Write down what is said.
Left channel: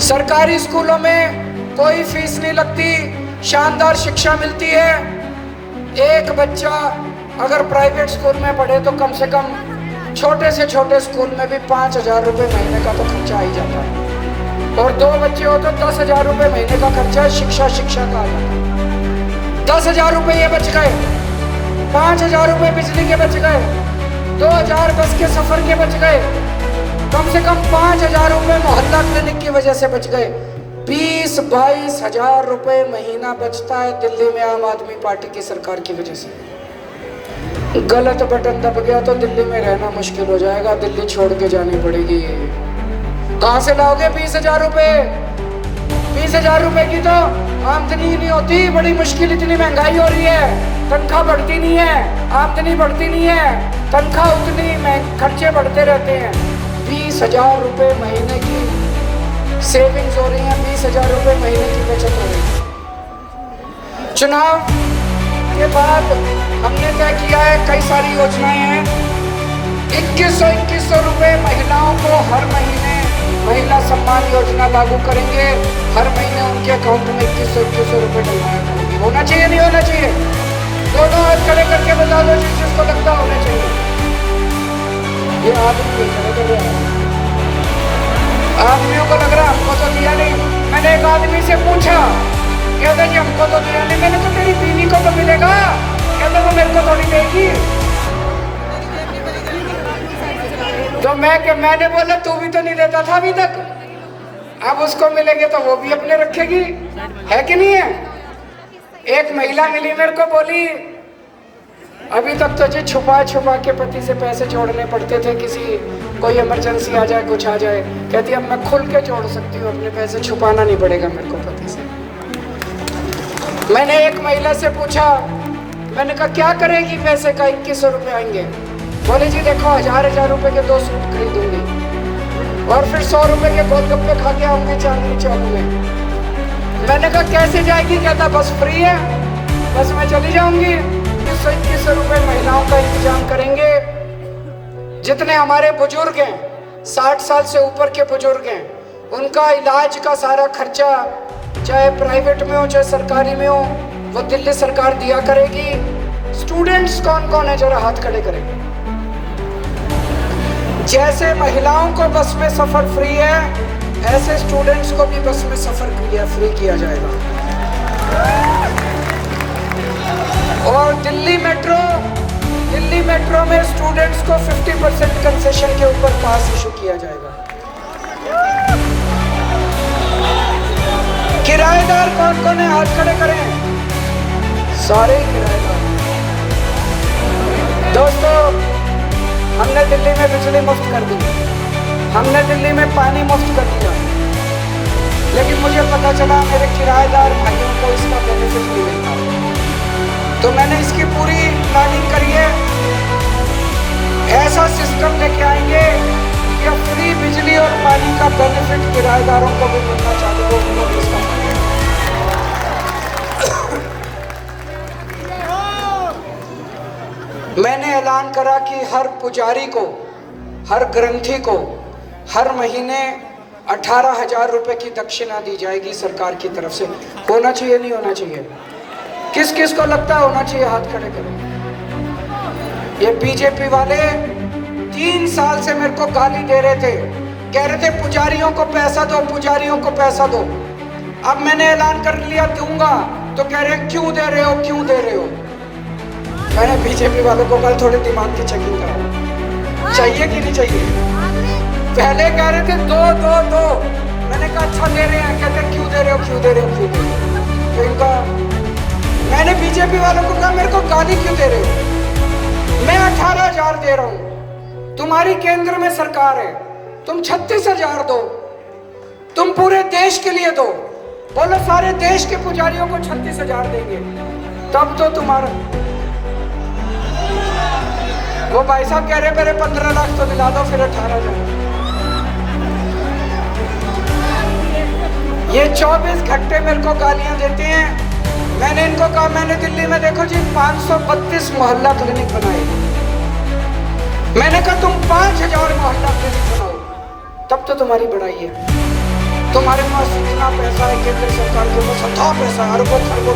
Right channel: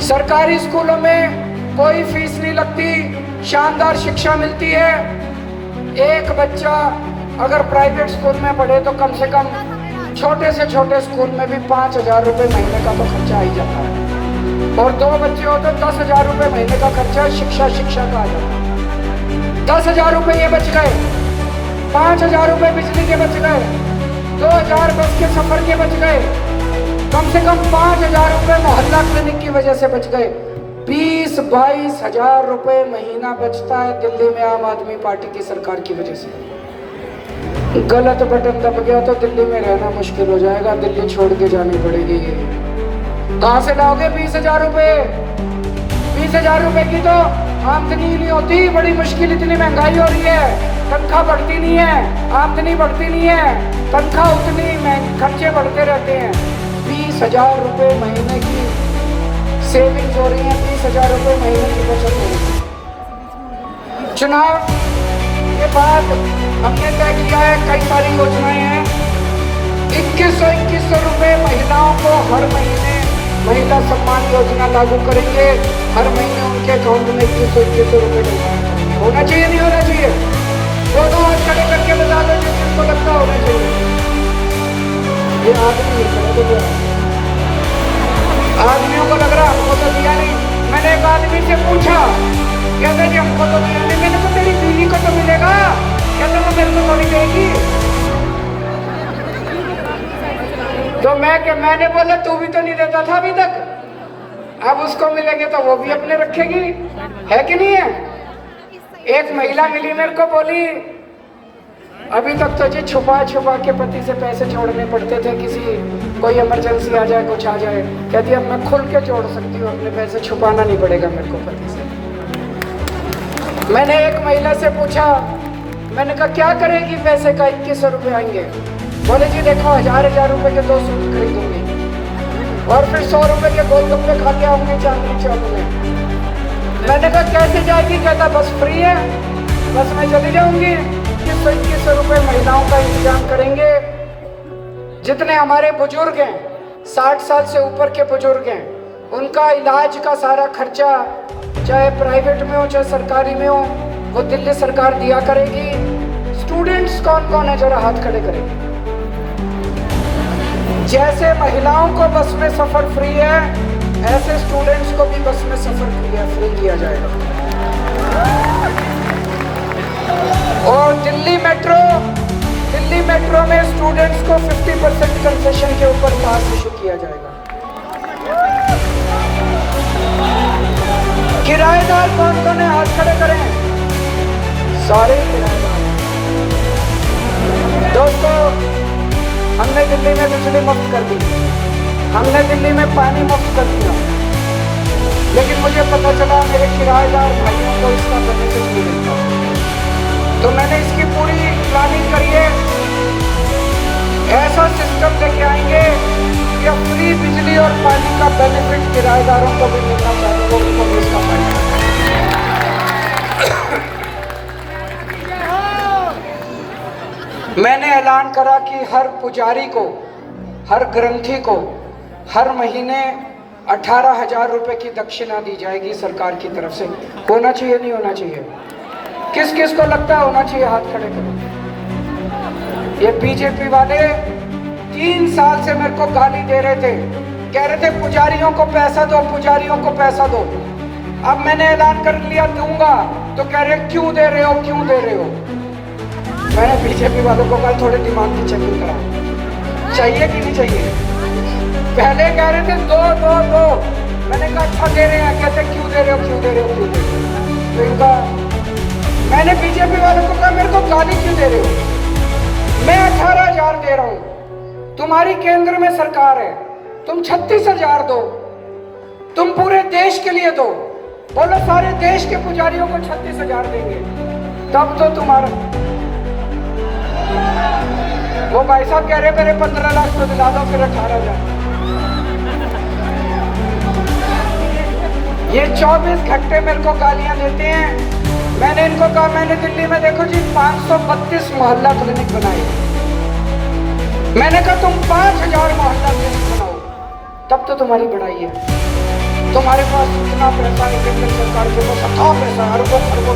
सरकारी स्कूलों में कोई फीस नहीं लगती, शानदार शिक्षा मिलती है। एक बच्चा अगर प्राइवेट स्कूल में पढ़े तो कम से कम छोटे से छोटे स्कूल में भी 5,000 रुपये महीने का तो खर्चा आ ही जाता है, और 2 बच्चे हो तो 10,000 रुपये महीने का खर्चा शिक्षा का आ जाता है। 10,000 रुपये ये बच गए, 5,000 रुपये बिजली के बच गए, 2,000 बस के सफर के बच गए, कम से कम 5,000 रुपये मोहल्ला क्लिनिक की वजह से बच गए। 20-22 हजार रुपये महीना बचता है दिल्ली में आम आदमी पार्टी की सरकार की वजह से। गलत बटन दब गया तो दिल्ली में रहना मुश्किल हो जाएगा, दिल्ली छोड़ के जानी पड़ेगी। कहाँ से लाओगे 20,000 रुपये? 20,000 रुपये की तो आमदनी ही नहीं होती, बड़ी मुश्किल, इतनी महंगाई हो रही है, तनख्वाह बढ़ती नहीं है, आमदनी बढ़ती नहीं है, तनख्वाह उतनी में खर्चे बढ़ते रहते हैं। 20,000 रुपये महीने की सेविंग्स हो रही है, 20,000 रुपये महीने की बचत हो रही है। चुनाव के बाद हमने तय किया है, कई सारी योजनाएं हैं। 2100 रुपये महिलाओं को हर महीने महिला सम्मान योजना लागू करेंगे। हर महीने उनके अकाउंट में 2100 रुपये डिपॉजिट करेंगे। होना चाहिए नहीं होना चाहिए? दोनों हाथ खड़े करके बता दो जिसको लगता होना चाहिए। ये आदमियों को लग रहा हमको तो दिया नहीं। मैंने एक आदमी से पूछा, कहते कि हमको तो दिया नहीं। मैंने तो तेरी बीवी को तो मिलेगा, कहते तो मेरे को थोड़ी देगी। तो मैंने बोला तू भी तो नहीं देता था अभी तक, अब उसको मिलेंगे तो वो भी अपने रखेगी, है कि नहीं है? एक महिला मिली मेरे को, बोली अभी तक तो जी छुपा के पति से पैसे जोड़ने पड़ते थे, किसी कोई इमरजेंसी आ जाए, कुछ आ जाए। कहती है अब मैं खुल के जोड़ सकती हूँ, अपने पैसे छुपाना नहीं पड़ेगा मेरे को पति से। मैंने एक महिला से पूछा, मैंने कहा क्या करेगी पैसे का 2100 रुपये आएंगे? बोले जी देखो 1000 रुपये के 2 सूट खरीदूंगी और फिर 100 रुपये के 2 डब्बे खा के आऊंगी चांदनी चौक में। मैंने कहा कैसे जाएगी? कहता बस फ्री है, बस मैं चली जाऊंगी। 2100 रुपये महिलाओं का इंतजाम करेंगे। जितने हमारे बुजुर्ग हैं, 60 साल से ऊपर के बुजुर्ग हैं, उनका इलाज का सारा खर्चा चाहे प्राइवेट में हो चाहे सरकारी में हो, वो दिल्ली सरकार दिया करेगी। स्टूडेंट्स कौन कौन है जरा हाथ खड़े करेंगे। जैसे महिलाओं को बस में सफर फ्री है, ऐसे स्टूडेंट्स को भी बस में सफर फ्री किया जाएगा। और दिल्ली मेट्रो में स्टूडेंट्स को 50% कंसेशन के ऊपर पास इशू किया जाएगा। किराएदार कौन कौन है हाथ खड़े करें, सारे किराएदार। दोस्तों हमने दिल्ली में बिजली मुफ्त कर दी, हमने दिल्ली में पानी मुफ्त कर दिया, लेकिन मुझे पता चला मेरे किराएदार भाइयों को इसका बेनिफिट नहीं मिलता। तो मैंने इसकी पूरी प्लानिंग करी है। ऐसा सिस्टम लेके आएंगे कि फ्री बिजली और पानी का बेनिफिट किराएदारों को भी मिलना चाहिए। मैंने ऐलान करा कि हर पुजारी को, हर ग्रंथी को हर महीने 18,000 रुपये की दक्षिणा दी जाएगी सरकार की तरफ से। होना चाहिए नहीं होना चाहिए? किस किस को लगता है होना चाहिए? हाथ खड़े करो। ये बीजेपी वाले 3 साल से मेरे को गाली दे रहे थे, कह रहे थे पुजारियों को पैसा दो, पुजारियों को पैसा दो। अब मैंने ऐलान कर लिया दूंगा, तो कह रहे क्यों दे रहे हो, क्यों दे रहे हो? मैंने बीजेपी वालों को कल थोड़े दिमाग की चेकिंग करा, चाहिए कि नहीं चाहिए? पहले कह रहे थे दो। मैंने कहा अच्छा दे रहे हैं, कहते क्यों दे रहे हो, क्यों दे रहे हो, क्यों दे रहे हो? तो इनका मैंने बीजेपी वालों को कहा मेरे को गाली क्यों दे रहे हो? मैं 18,000 दे रहा हूं, तुम्हारी केंद्र में सरकार है, तुम 36,000 दो, तुम पूरे देश के लिए दो। बोलो सारे देश के पुजारियों को 36,000 देंगे, तब तो तुम्हारा। वो भाई साहब कह रहे मेरे 15 लाख तो दिला दो, फिर 18,000। ये 24 घंटे मेरे को गालियां देते हैं। मैंने इनको कहा, मैंने दिल्ली में देखो जी 532 मोहल्ला क्लिनिक बनाए। मैंने कहा तुम 5,000 मोहल्ला क्लिनिक बनाओ, तब तो तुम्हारी बढ़ाई है। तुम्हारे पैसा, अरबों खरबों